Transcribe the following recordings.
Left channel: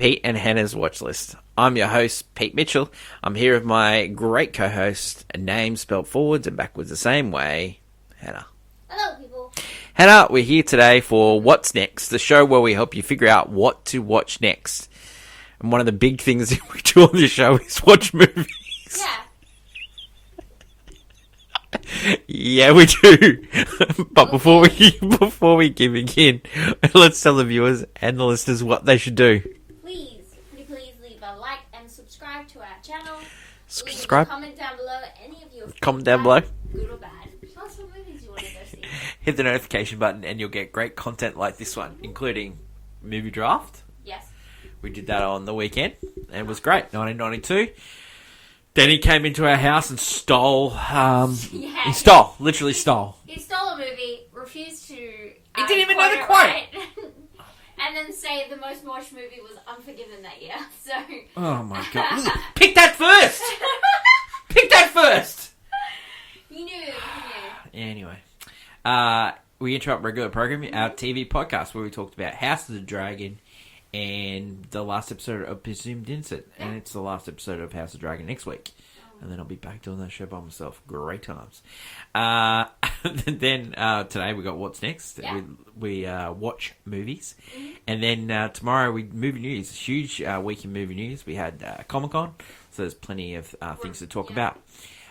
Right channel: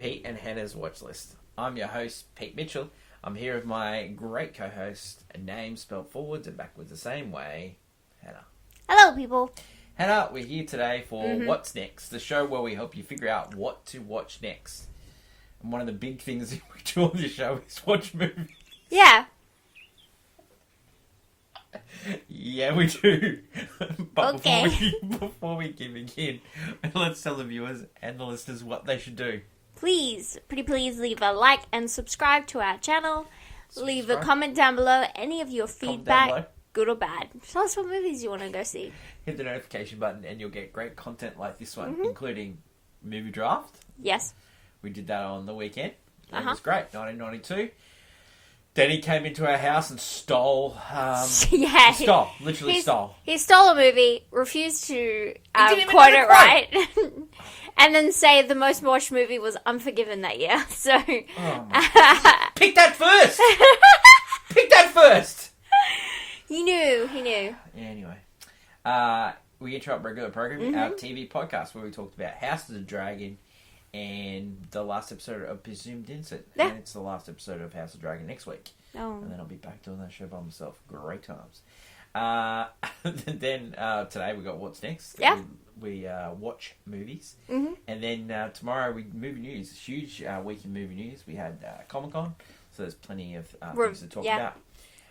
Pete and Hannah's Watch List. I'm your host, Pete Mitchell. I'm here with my great co-host, a name spelled forwards and backwards the same way, Hannah. Hello, people. Hannah, we're here today for What's Next, the show where we help you figure out what to watch next. And one of the big things that we do on this show is watch movies. Yeah. Yeah, we do. But before we begin, let's tell the viewers and the listeners what they should do. Please, pretty please leave a like and subscribe to our channel. Leave Subscribe. a comment down below. Any of your feedback, Comment down below. good or bad. Tell us what movies you want to go see. Hit the notification button and you'll get great content like this one, including movie draft. Yes. We did that on the weekend, and it was great. 1992. Danny came into our house and stole. Yeah, literally stole. He stole a movie, refused to didn't even quote know the it right, and then say the most watched movie was Unforgiven that year. So. Oh my god! Pick that first. Pick that first. He knew. Anyway, we interrupt regular programming, our TV podcast where we talked about House of the Dragon and the last episode of Presumed Innocent. Yeah. And it's the last episode of House of the Dragon next week. Oh. And then I'll be back doing that show by myself. Great times. Then today we got What's Next. Yeah. We watch movies. Mm-hmm. And then tomorrow movie news. Huge week in movie news. We had Comic-Con, so there's plenty of things to talk about.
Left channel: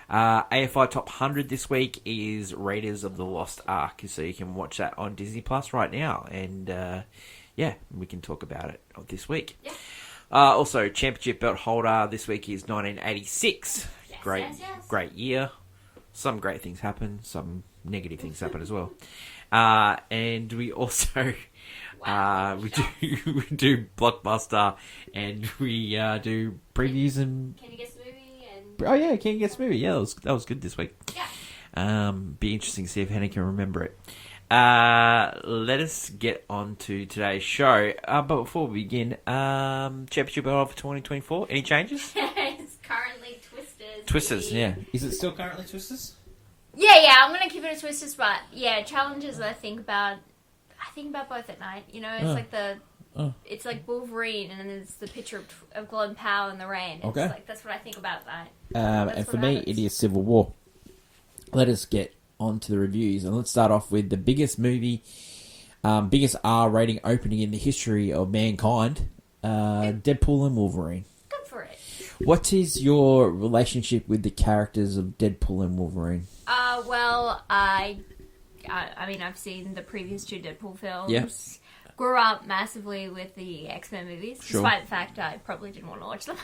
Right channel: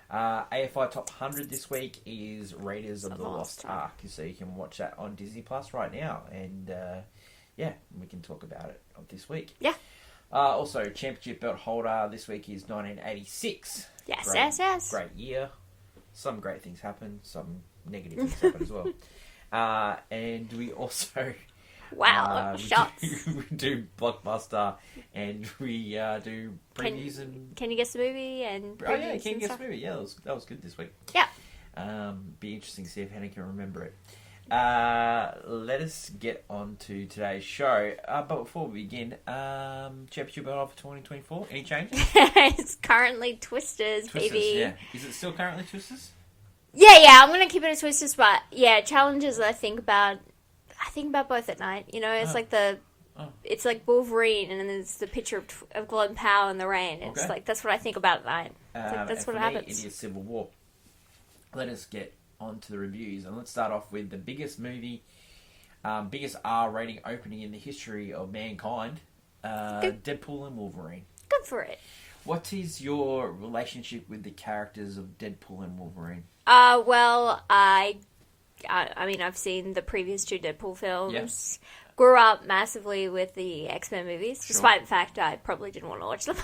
AFI Top 100 this week is Raiders of the Lost Ark. So you can watch that on Disney Plus right now. And we can talk about it this week. Yeah. Also, Championship belt holder this week is 1986. Yes. Great year. Some great things happen. Some negative things happen as well. And we also... Wow. we do Blockbuster, and we do previews and... Can you guess the movie? Oh, yeah, can you guess the movie? Yeah, that was good this week. Yeah. Be interesting to see if Hannah can remember it. Let us get on to today's show. But before we begin, Championship belt for 2024. Any changes? It's currently Twisters. Twisters, baby. yeah. Is it still currently Twisters? Yeah. I'm gonna keep it as Twisters, but yeah, challenges. I think about both at night. You know, it's like it's like Wolverine, and then there's the picture of Glenn Powell in the rain. It's like that's what I think about at night. And for me, it is Civil War. Let us get on to the reviews, and let's start off with the biggest movie, biggest R rating opening in the history of mankind, Deadpool and Wolverine. Good for it. What is your relationship with the characters of Deadpool and Wolverine? Well, I mean, I've seen the previous two Deadpool films. Yes. Grew up massively with the X-Men movies, Sure. despite the fact I probably didn't want to watch them.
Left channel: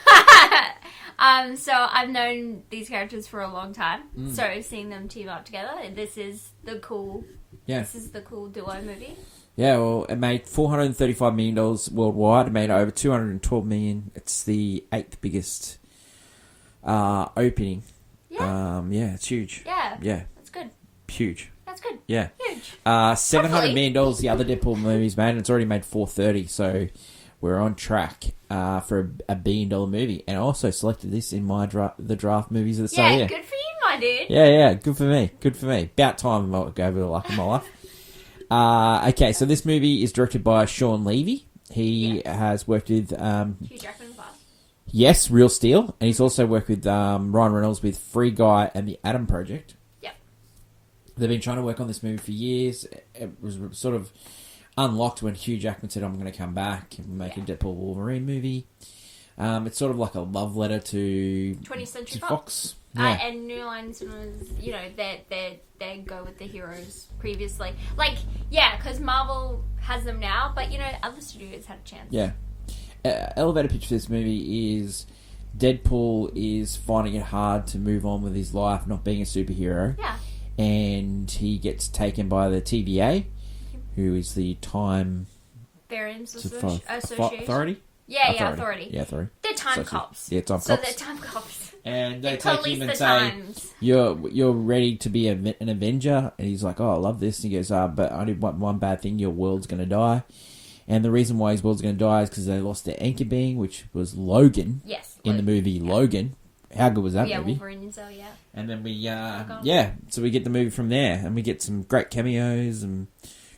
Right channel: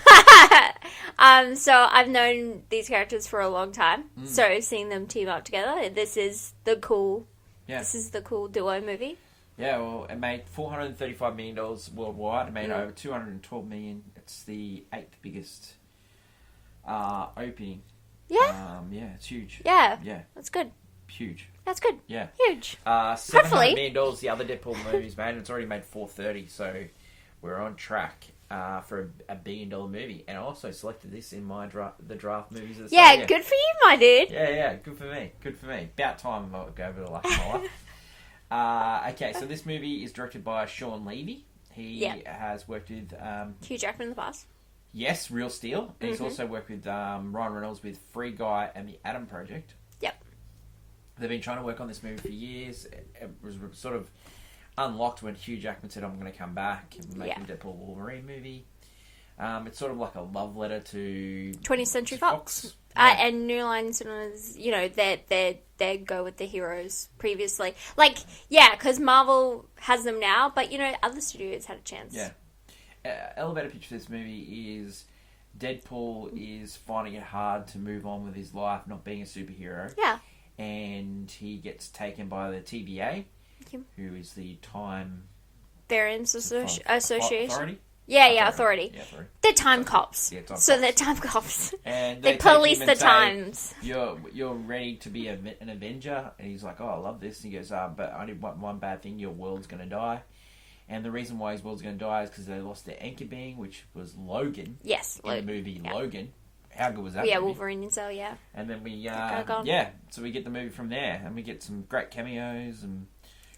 So I've known these characters for a long time. So seeing them team up together, this is the cool duo movie. Yeah, well, it made $435 million worldwide. It made over $212 million. It's the 8th biggest opening. Yeah. It's huge. Yeah. Yeah. That's good. Huge. That's good. Yeah. Huge. $700 million the other Deadpool movies made, and it's already made $430, so we're on track for a $1 billion movie. And I also selected this in my the draft movies of the Yeah, same year. good for you, my dude. Yeah, good for me. About time I go over the luck of my life. Okay, so this movie is directed by Sean Levy. He has worked with... Hugh Jackman in the past. Yes, Real Steel. And he's also worked with Ryan Reynolds with Free Guy and The Atom Project. Yep. They've been trying to work on this movie for years. It was sort of unlocked when Hugh Jackman said, I'm going to come back and make a Deadpool Wolverine movie. It's sort of like a love letter to 20th Century Fox. Yeah. And New Line Cinemas, you know, they go with the heroes previously. Because Marvel has them now, but, you know, other studios had a chance. Yeah. Elevator pitch for this movie is Deadpool is finding it hard to move on with his life, not being a superhero. Yeah. And he gets taken by the TVA, who is the Time... Variance Association. Authority? Authority. Yeah, authority. They're time cops. Yeah, time so cops. they're time cops. And they police the times. You're ready to be an Avenger? And he's like, oh, I love this. And he goes, but I did one bad thing. Your world's going to die. And the reason why his world's going to die is because they lost their anchor being, which was Logan. Yes. In the movie Logan. How good was that movie? Yeah, Wolverine and so, yeah. And then so we get the movie from there. And we get some great cameos and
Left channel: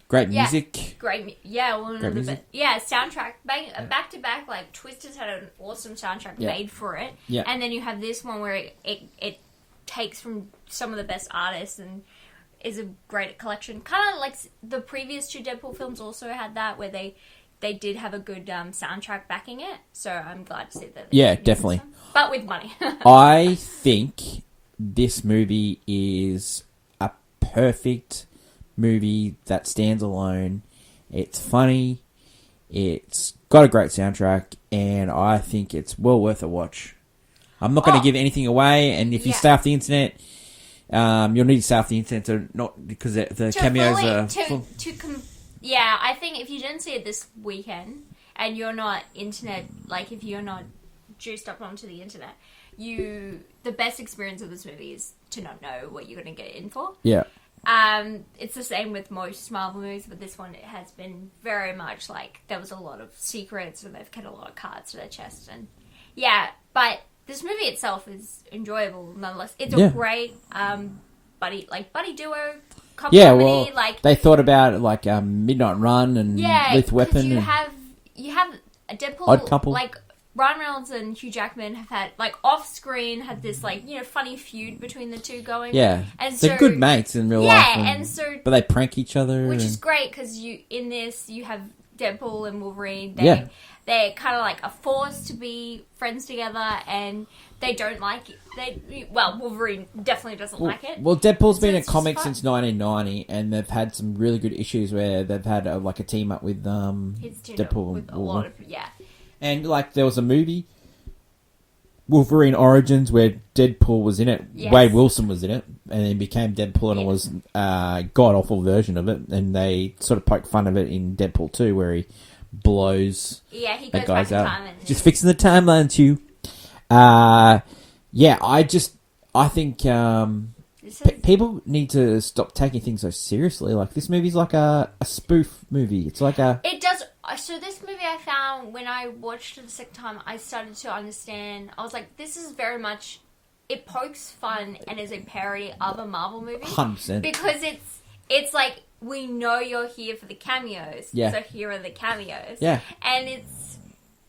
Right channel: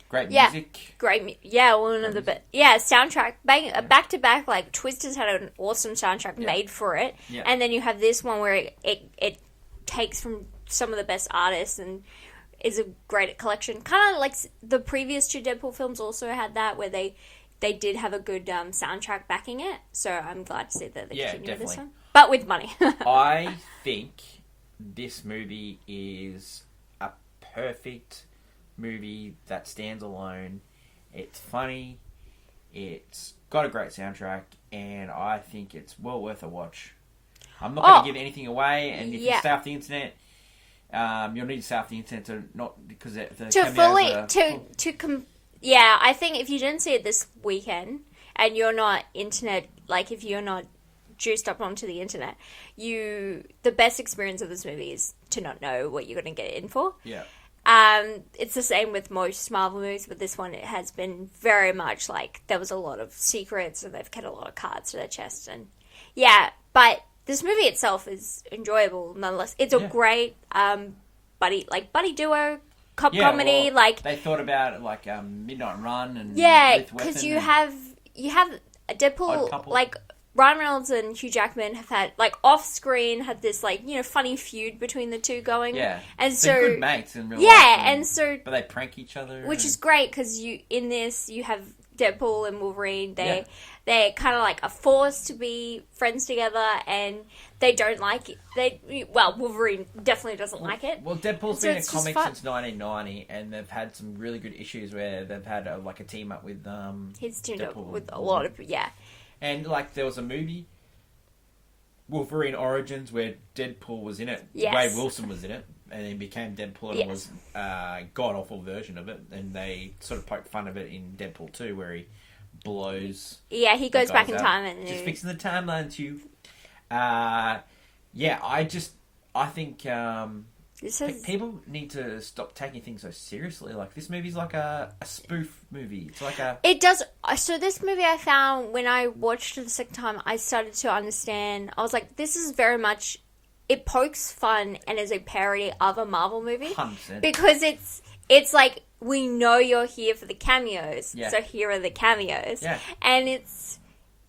Great music. One of the best. Yeah, soundtrack. Back to back, like, Twisters had an awesome soundtrack made for it. Yeah. And then you have this one where it takes from some of the best artists and is a great collection. Kind of like the previous two Deadpool films also had that, where they did have a good soundtrack backing it. So I'm glad to see that. Yeah, definitely. But with money. I think this movie is a perfect movie that stands alone. It's funny, it's got a great soundtrack, and I think it's well worth a watch. I'm not going to give anything away, and if you stay off the internet, you'll need to stay off the internet to not, because the cameos are... I think if you didn't see it this weekend, and you're not internet, like if you're not juiced up onto the internet, the best experience of this movie is to not know what you're going to get in for. Yeah. It's the same with most Marvel movies, but this one, it has been very much like there was a lot of secrets and they've kept a lot of cards to their chest. And but this movie itself is enjoyable nonetheless. It's a great buddy duo comedy. Well, they thought about like Midnight Run and Lethal Weapon. Because you have a Deadpool, Odd Couple. like Ryan Reynolds and Hugh Jackman have had, like, off-screen, had this, like, funny feud between the two going. Yeah. And they're good mates in real life. Yeah, and so... But they prank each other. Which is great, because in this, you have Deadpool and Wolverine. They're kind of, like, are forced to be friends together, and they don't like it. Wolverine definitely doesn't like it. Well, Deadpool's been a comic since 1990, and they've had some really good issues where they've had, a team-up with Deadpool. With a lot of... Yeah. And, like, there was a movie, Wolverine Origins, where Deadpool was in it. Yes. Wade Wilson was in it, and he became Deadpool, and it was a god-awful version of it. And they sort of poked fun of it in Deadpool 2, where he blows... Yeah, he goes back in time. And just fixing the timeline, too. I think... people need to stop taking things so seriously. Like, this movie's like a spoof movie. It's like a... It does... So this movie I found, when I watched it the second time, I started to understand... I was like, this is very much... It pokes fun and is a parody of a Marvel movie. 100%. Because it's like, we know you're here for the cameos. Yeah. So here are the cameos. Yeah. And it's...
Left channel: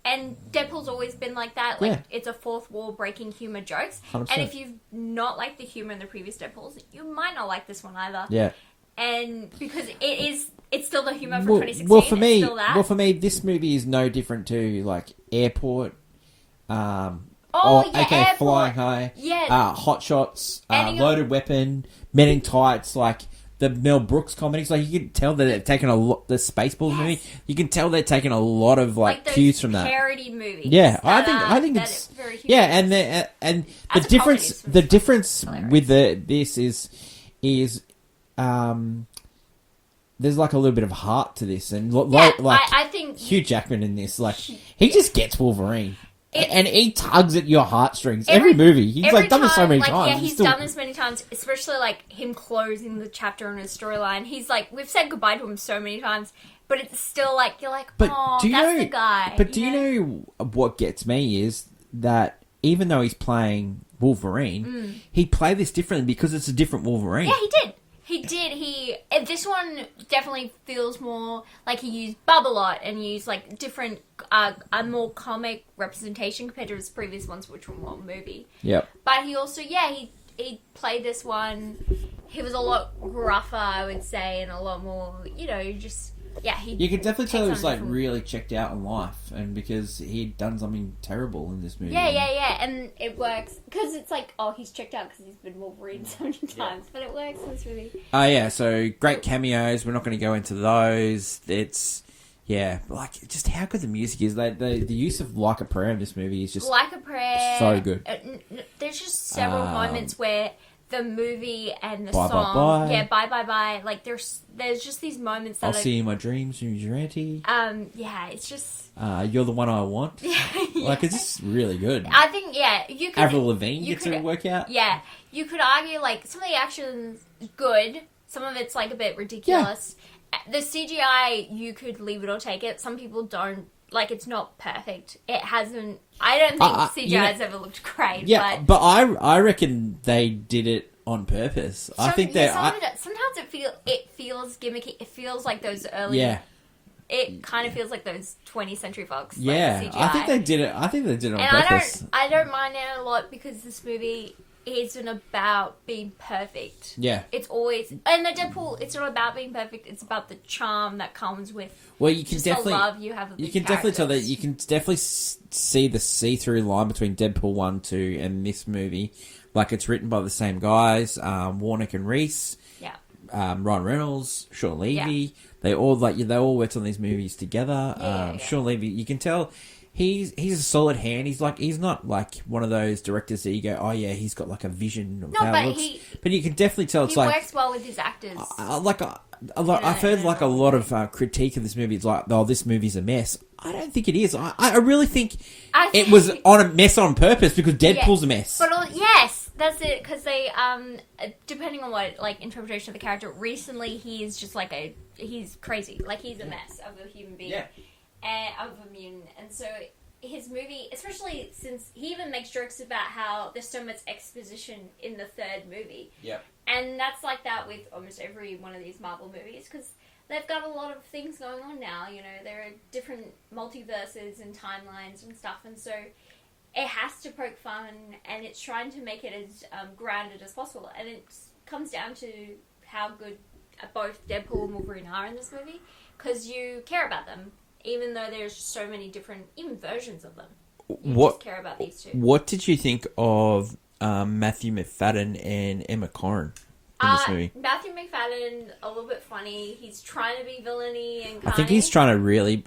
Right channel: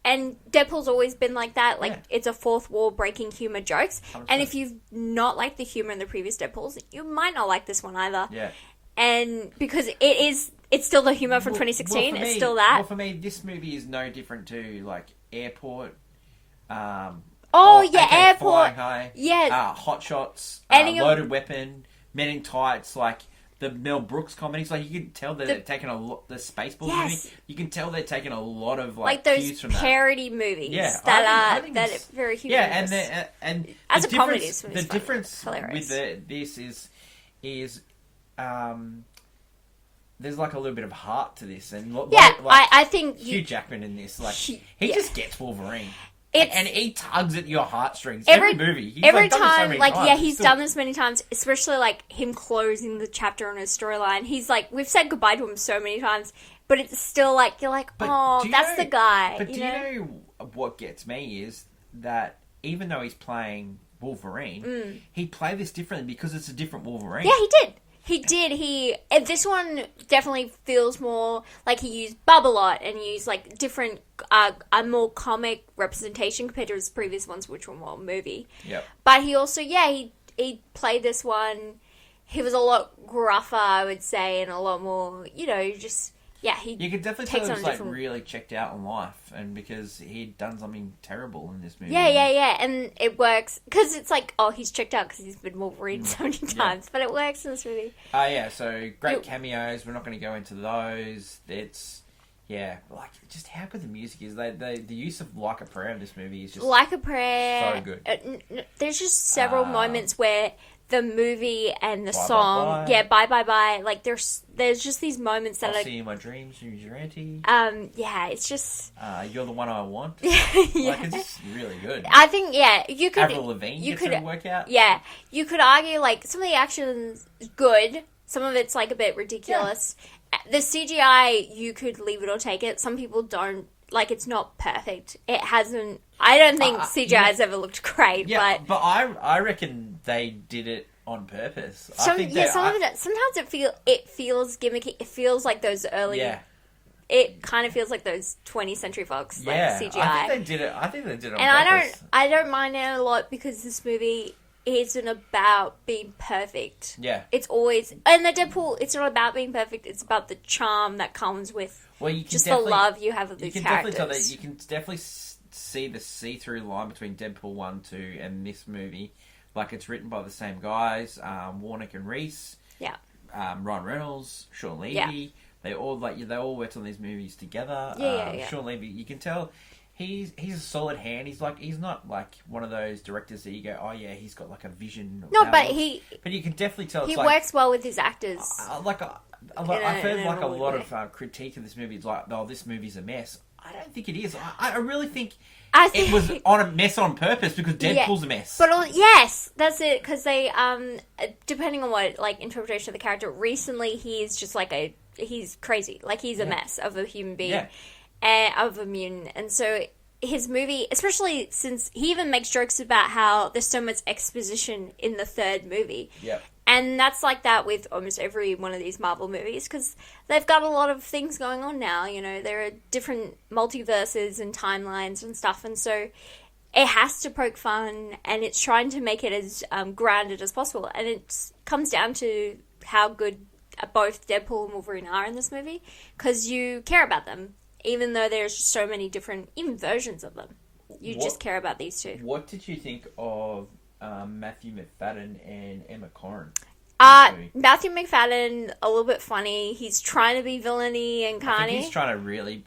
And Deadpool's always been like that. Like, it's a fourth wall breaking humour jokes. 100%. And if you've not liked the humour in the previous Deadpools, you might not like this one either. Yeah. And because it's still the humour from 2016. For me, it's still that. Well, for me, this movie is no different to, like, Airport. Airport. Flying High. Yeah. Hot Shots. Loaded Weapon. Men in Tights. Like... The Mel Brooks comedies, like, you can tell that they're taking a lot... The Spaceballs movie, you can tell they're taking a lot of, like cues from that. Parody movies. Yeah, I think it's... Very humorous. Yeah, and the difference with this is there's, like, a little bit of heart to this. And, I think... Hugh Jackman in this, like, he just gets Wolverine. And he tugs at your heartstrings. Every movie. He's done this so many times. Yeah, he's done this many times, especially like him closing the chapter on his storyline. He's like, we've said goodbye to him so many times, but it's still like, you're like, that's the guy. But do you know what gets me is that even though he's playing Wolverine, he played this differently because it's a different Wolverine. Yeah, he did. This one definitely feels more like he used Bub a lot and used like different, a more comic representation compared to his previous ones, which were more movie. Yep. But he also, he played this one. He was a lot gruffer, I would say, and a lot more, just... Yeah, you can definitely tell he was like really checked out in life, and because he'd done something terrible in this movie. Yeah, and it works because it's like, he's checked out because he's been Wolverine so many times, but it works in this movie. So great cameos. We're not going to go into those. It's like just how good the music is. The use of Like a Prayer in this movie is just Like a Prayer, so good. There's just several moments where the movie and the Bye, song, Bye, Bye. Bye. Like there's just these moments that I'll see you in my dreams, use your auntie. It's just you're the one I want. Like it's just really good. I think you could. Avril Lavigne gets a workout. Yeah, you could argue like some of the action's good, some of it's like a bit ridiculous. Yeah. The CGI, you could leave it or take it. Some people don't. Like, it's not perfect. It hasn't... I don't think CGI has ever looked great, but I reckon they did it on purpose. I think that sometimes it feels gimmicky. It feels like those early. Yeah. It kind of feels like those 20th Century Fox. Yeah, like, CGI. I think they did it. I think they did it on purpose. I don't mind it a lot because this movie isn't about being perfect. Yeah, it's always and the Deadpool. It's not about being perfect. It's about the charm that comes with. Well, you can just definitely the love you have of these characters. Definitely tell that you can definitely see the see-through line between Deadpool 1, 2, and this movie. Like it's written by the same guys, Warnick and Reese. Yeah. Ryan Reynolds, Sean Levy. Yeah. They all worked on these movies together. Yeah. Sean Levy, you can tell he's a solid hand. He's not like one of those directors that you go, oh yeah, he's got like a vision. Of how it looks. But you can definitely tell it's he works well with his actors. I've heard like a lot of critique of this movie. It's like, oh, this movie's a mess. I don't think it is. I really think it was on a mess on purpose because Deadpool's a mess. But yes, that's it. Because they, depending on what like interpretation of the character, recently he's just like he's crazy. Like he's a mess of a human being, and of a mutant. And so his movie, especially since he even makes jokes about how there's so much exposition in the third movie. Yeah. And that's like that with almost every one of these Marvel movies because they've got a lot of things going on now. You know, there are different multiverses and timelines and stuff. And so it has to poke fun and it's trying to make it as grounded as possible. And it comes down to how good both Deadpool and Wolverine are in this movie because you care about them, even though there's so many different, even versions of them. You just care about these two. What did you think of Matthew McFadden and Emma Corrin in this movie? Matthew McFadden, a little bit funny. He's trying to be villainy and kind. I think he's trying to really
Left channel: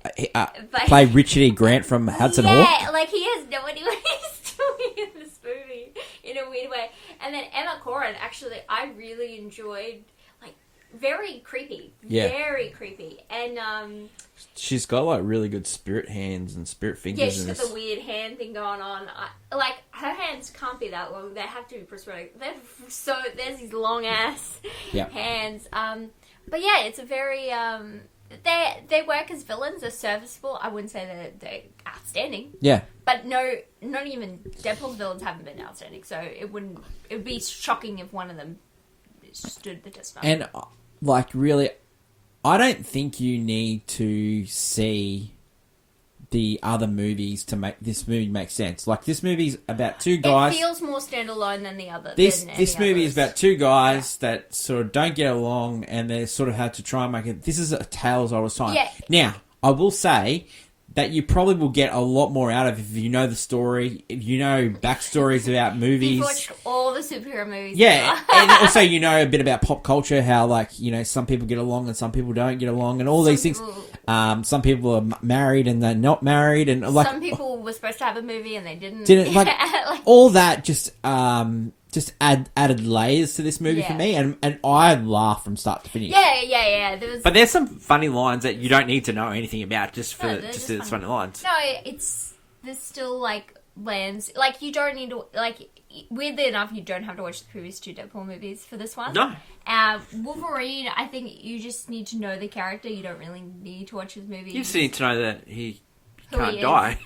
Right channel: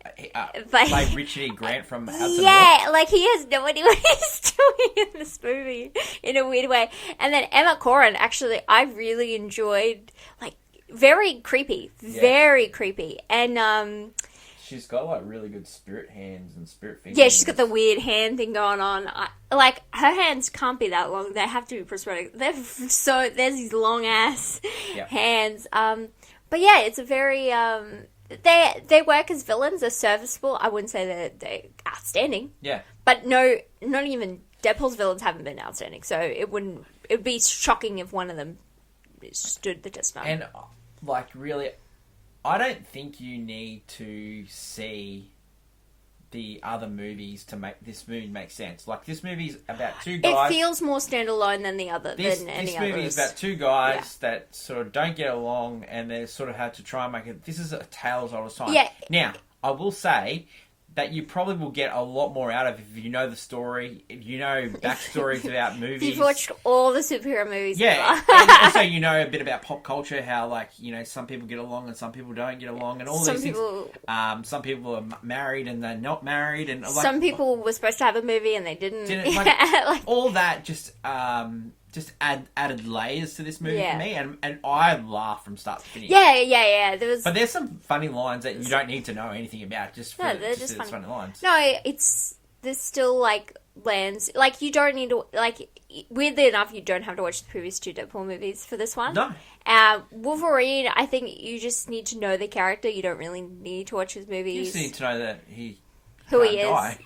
play Richard E. Grant from Hudson Hawk. Yeah, like he has no idea what he's doing in this movie in a weird way. And then Emma Corrin, actually, I really enjoyed. Like, very creepy, very creepy, and she's got like really good spirit hands and spirit fingers. Yeah, she's got the weird hand thing going on. Like her hands can't be that long; they have to be prosthetic. There's these long ass hands. But yeah, it's a very they work as villains. They're serviceable. I wouldn't say they're outstanding. Yeah, but no, not even Deadpool's villains haven't been outstanding. So it would be shocking if one of them stood the test of time. And like really, I don't think you need to see the other movies to make this movie make sense. Like, this movie's about two guys. It feels more standalone than the other. This movie is about two guys that sort of don't get along, and they sort of had to try and make it. This is a tale as old as time. Yeah. Now, I will say that you probably will get a lot more out of if you know the story, if you know backstories about movies. You've watched all the superhero movies. Yeah, and also you know a bit about pop culture, how like, you know, some people get along and some people don't get along, and all these things. Some people are married and they're not married, and like some people were supposed to have a movie and they didn't. Like, all that just added layers to this movie for me, and I laughed from start to finish. Yeah. But there's some funny lines that you don't need to know anything about just for just funny lines. No, there's still like lands, like you don't need to, like, weirdly enough, you don't have to watch the previous two Deadpool movies for this one. No. Wolverine, I think you just need to know the character. You don't really need to watch his movies. You just need to know that who can't he is. Die.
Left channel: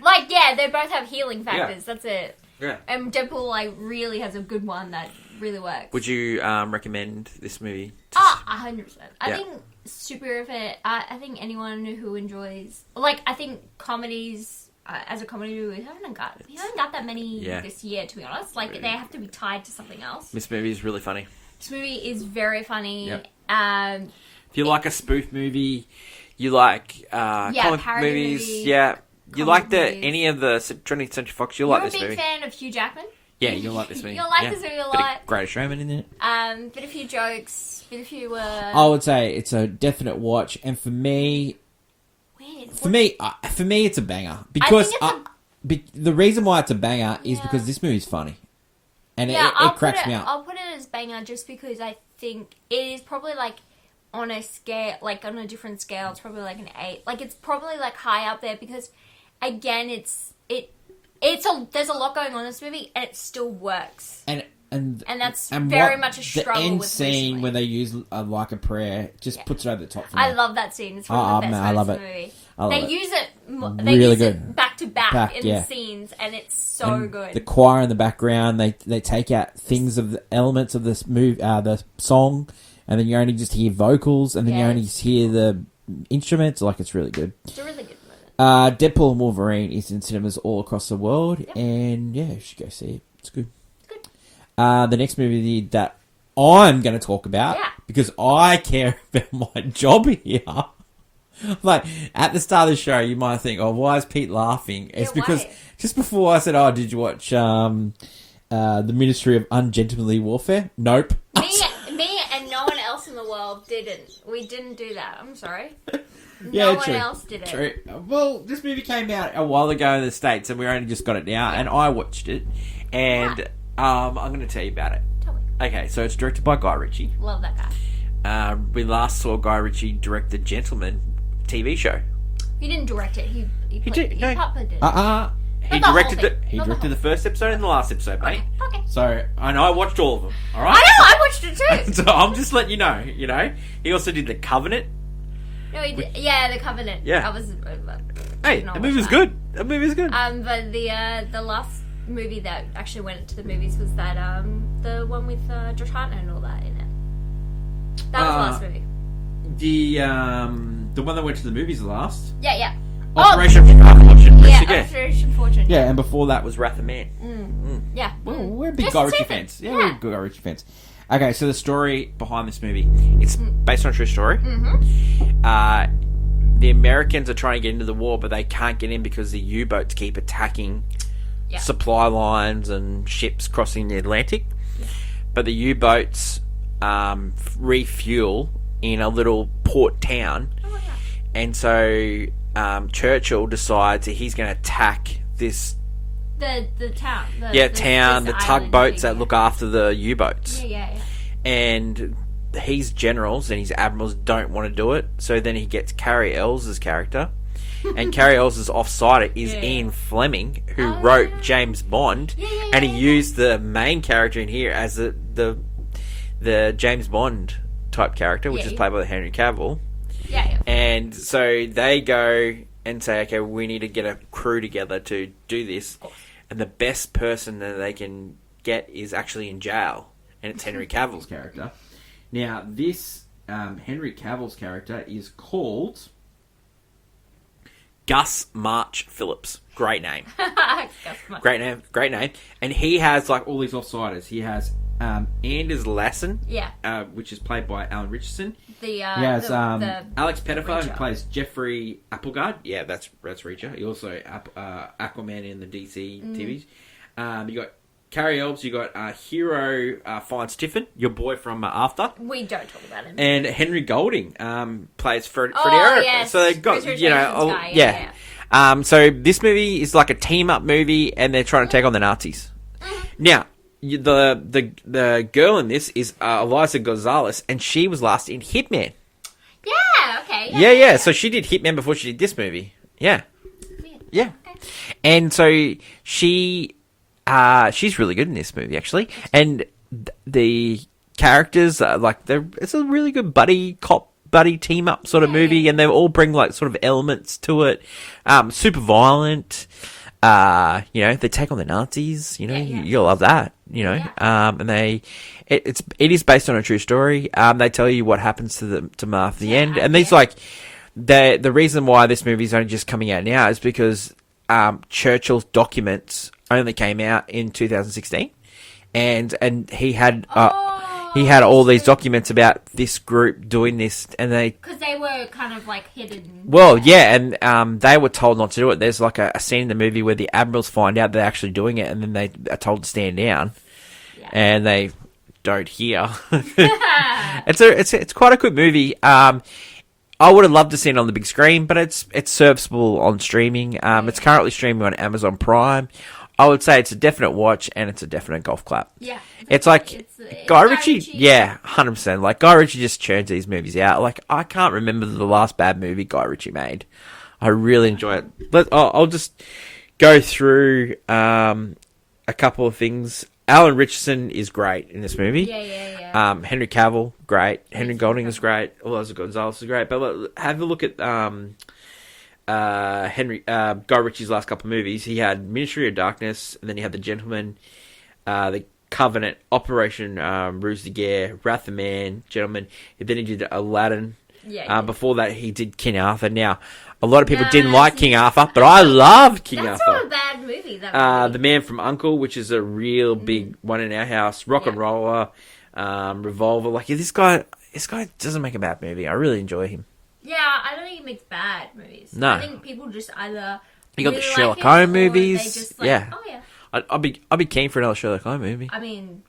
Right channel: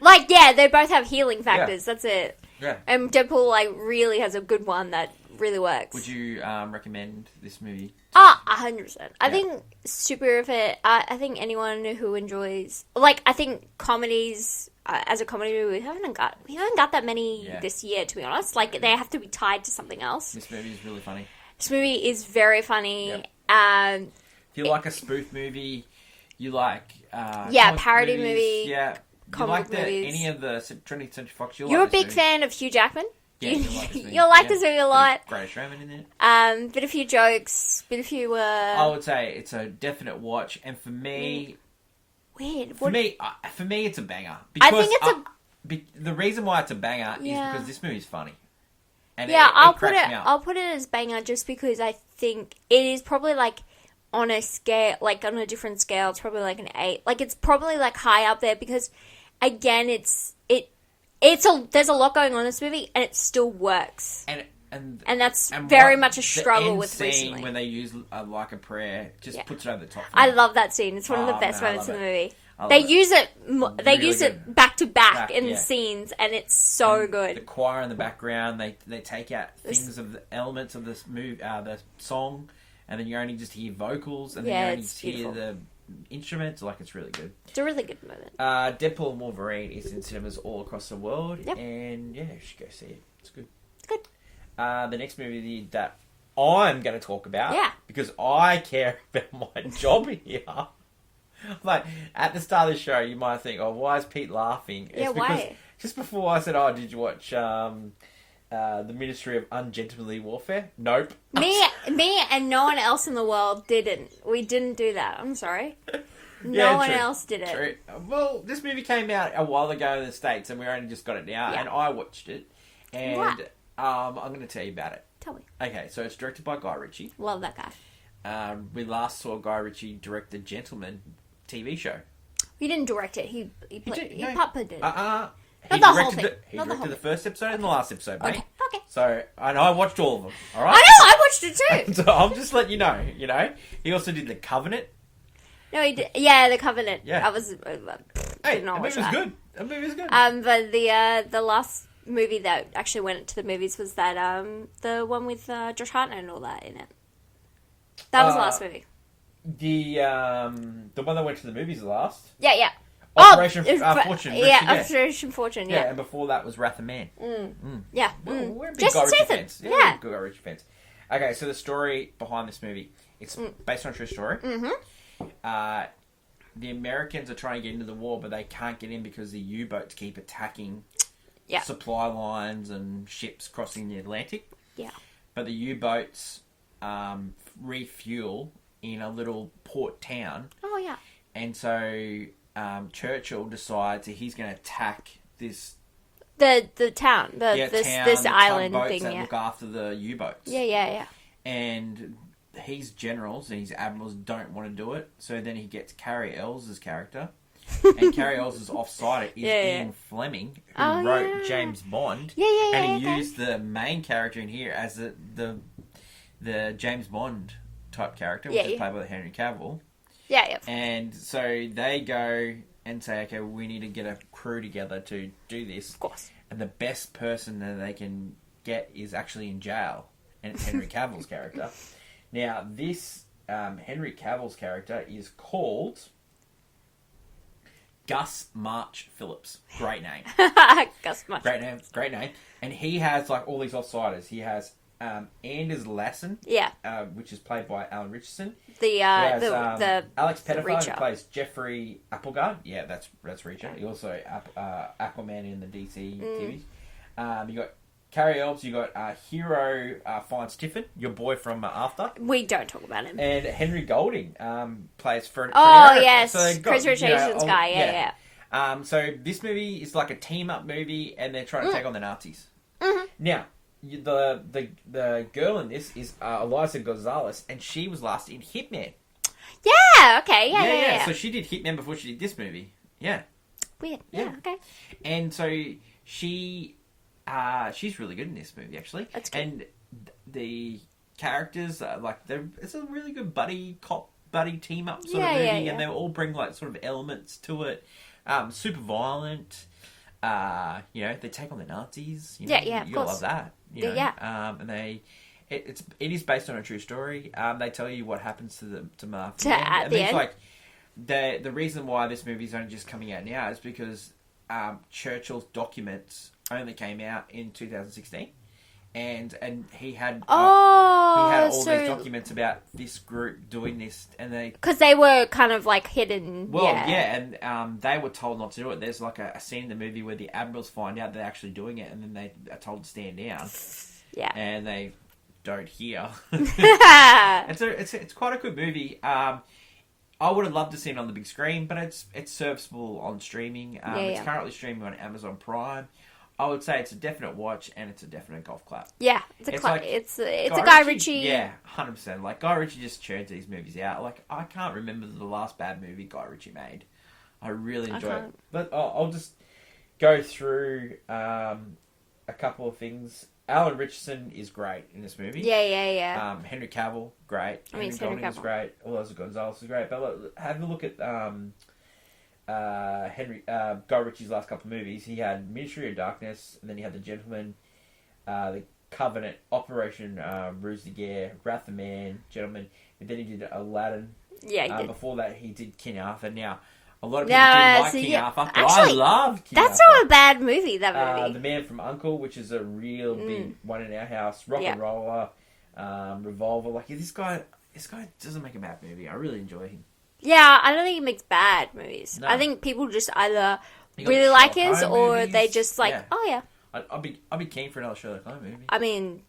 Like, yeah, they both have healing factors. Yeah. That's it. Yeah. And Deadpool, like, really has a good one that really works. Would you recommend this movie? 100%. I think superhero fan. I think anyone who enjoys, like, I think comedies. As a comedy movie, we haven't got that many this year, to be honest. Like, they have to be tied to something else. This movie is really funny. This movie is very funny. Yeah. If you like a spoof movie, you like parody movies. Yeah, you like any of the 20th Century Fox. You're like this a big fan of Hugh Jackman. Yeah, you'll like this movie. You'll like this movie a lot. Great Showman in it. Bit a few jokes, bit a few. I would say it's a definite watch, and for me. Weird. For me, it's a banger because the reason why it's a banger is because this movie's funny, and it cracks me up. I'll put it as banger just because I think it is probably like on a scale, like on a different scale. It's probably like an 8. Like, it's probably like high up there because, again, there's a lot going on in this movie and it still works. And that's very much a struggle with the end recently. scene when they use like a prayer just puts it over the top for me. I love that scene. It's one of the best moments in the movie. They use it back to back. pack in scenes, and it's so good. The choir in the background, they take out things of the elements of this the song, and then you only just hear vocals, and then you only just hear the instruments. Like, it's really good. It's a really good moment. Deadpool and Wolverine is in cinemas all across the world, and yeah, you should go see it. It's good. It's good. The next movie that I'm going to talk about, because I care about my job here. Like, at the start of the show, you might think, oh, why is Pete laughing? It's because just before I said, oh, did you watch the Ministry of Ungentlemanly Warfare? Nope. Me and no one else in the world didn't. We didn't do that. I'm sorry. No one else did it. True. Well, this movie came out a while ago in the States, and we only just got it now, and I watched it, and I'm going to tell you about it. Tell me. Okay, so it's directed by Guy Ritchie. Love that guy. We last saw Guy Ritchie direct the Gentleman TV show. He didn't direct it. He puppeted it. He directed the first episode and the last episode, mate. Okay. So, I watched all of them, alright? I know, I watched it too! So, I'm just letting you know, He also did The Covenant. No, he did. Yeah, The Covenant. Yeah. I was... Hey, the movie was good. But the last movie that actually went to the movies was that, the one with Josh Hartnett and all that in it. That was the last movie. The one that went to the movies last? Yeah. Operation Fortune. Operation Fortune. Yeah, and before that was Wrath of Man. Yeah. Well, we're big Guy Ritchie fans. Yeah, we're big Guy Ritchie fans. Okay, so the story behind this movie, it's based on a true story. The Americans are trying to get into the war, but they can't get in because the U-boats keep attacking supply lines and ships crossing the Atlantic. Yeah. But the U-boats refuel in a little port town. Oh, yeah. And so Churchill decides that he's going to attack this... The town. The tugboats that look after the U-boats. Yeah. And his generals and his admirals don't want to do it, so then he gets Carrie Ells' character. And Carrie Ells' offside is Ian Fleming, who wrote James Bond. And he used the main character in here as the James Bond type character, which is played by Henry Cavill. Yeah. And so they go and say, okay, we need to get a crew together to do this. Of course. And the best person that they can get is actually in jail, and it's Henry Cavill's character. Now, this Henry Cavill's character is called Gus March Phillips. Great name. Gus March. Great name. And he has like all these offsiders. He has Anders Lassen, which is played by Alan Richardson. He has Alex Pettifer, who plays Jeffrey Applegard. Yeah, that's Reacher. He also Aquaman in the DC TVs. You got Carrie Elves. You got Hero Fine Stiffen, your boy from After. We don't talk about him. And Henry Golding plays Freddie Eric. Yes. So they got guy. So this movie is like a team up movie, and they're trying to take on the Nazis. Now, the girl in this is Eliza Gonzalez, and she was last in Hitman. Yeah, okay. Yeah. So she did Hitman before she did this movie. Yeah. Weird. Yeah. Okay. And so she's really good in this movie, actually. And the characters, it's a really good buddy team up sort of movie, and they all bring like sort of elements to it. Super violent. They take on the Nazis. You'll love that. And it is based on a true story. They tell you what happens to them at the end, and these the reason why this movie is only just coming out now is because Churchill's documents only came out in 2016, and he had all these documents about this group doing this, and because they were kind of like hidden. Well, and they were told not to do it. There's like a scene in the movie where the admirals find out they're actually doing it, and then they are told to stand down. Yeah, and they don't hear. It's quite a good movie. I would have loved to see it on the big screen, but it's serviceable on streaming. It's currently streaming on Amazon Prime. I would say it's a definite watch, and it's a definite golf clap. Yeah. It's Guy Ritchie. Yeah, 100%. Like, Guy Ritchie just churns these movies out. Like, I can't remember the last bad movie Guy Ritchie made. I really enjoy it. I'll just go through a couple of things. Alan Richardson is great in this movie. Yeah. Henry Cavill, great. Henry Golding is great. Eliza Gonzalez is great. But have a look at Guy Ritchie's last couple of movies. He had Ministry of Darkness, and then he had The Gentleman, The Covenant, Operation Ruse de Guerre, Wrath of Man, Gentleman. Then he did Aladdin. Yeah. Before that, he did King Arthur. Now, a lot of people didn't like King Arthur, but actually, I loved King Arthur. That's not a bad movie, that movie. The Man from U.N.C.L.E., which is a real big one in our house. Rock and Roller, Revolver. Like, this guy doesn't make a bad movie. I really enjoy him. Yeah, I don't think he makes bad movies. No. I think people just either You got really the like Sherlock his, Holmes or movies. they just like, oh yeah. I'd be keen for another Sherlock Holmes movie. I mean,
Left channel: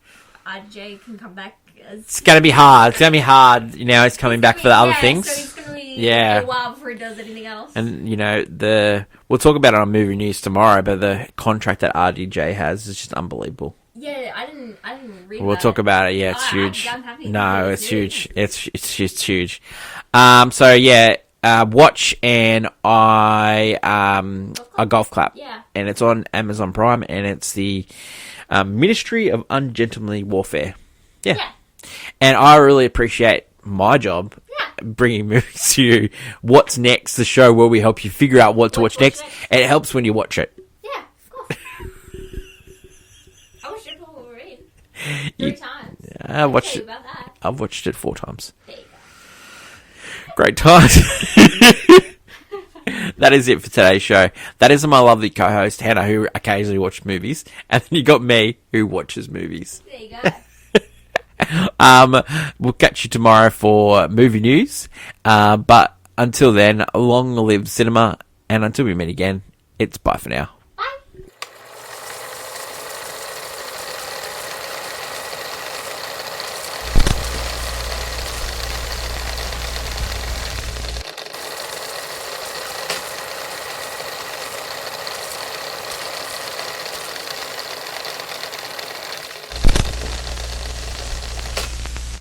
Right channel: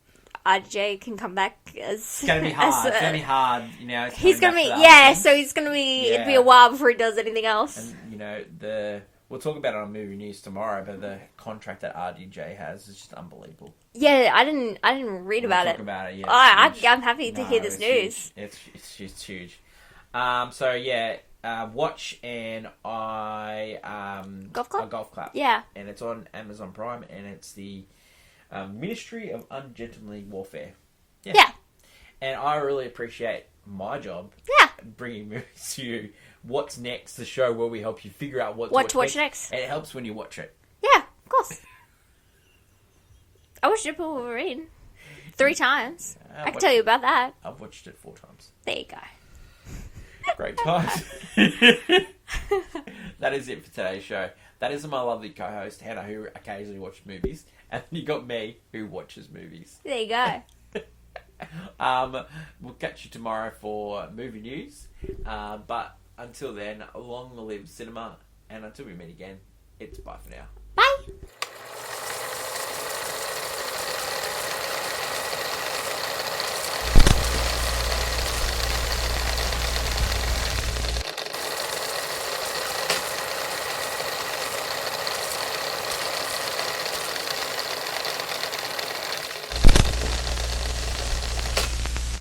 RJ can come back as... It's going to be hard. It's going to be hard. You know, he's coming back for the other things. Yeah, so he's going to be a while before he does anything else. And, you know, we'll talk about it on Movie News tomorrow, but the contract that RDJ has is just unbelievable. Yeah, I didn't read about it. We'll talk about it. Yeah, it's huge. I'm happy to hear this huge. news. It's just huge. So, yeah, watch and a golf clap. Yeah. And it's on Amazon Prime, and it's the Ministry of Ungentlemanly Warfare. Yeah. And I really appreciate my job. Yeah. Bringing movies to you. What's Next, the show where we help you figure out what to watch next. And it helps when you watch it. Yeah, of course. I watched Deadpool Wolverine 3 times. I can tell you about that. I've watched it 4 times. There you go. Great times. That is it for today's show. That is my lovely co-host, Hannah, who occasionally watches movies. And then you got me, who watches movies. There you go. We'll catch you tomorrow for movie news. But until then, long live cinema. And until we meet again, it's bye for now.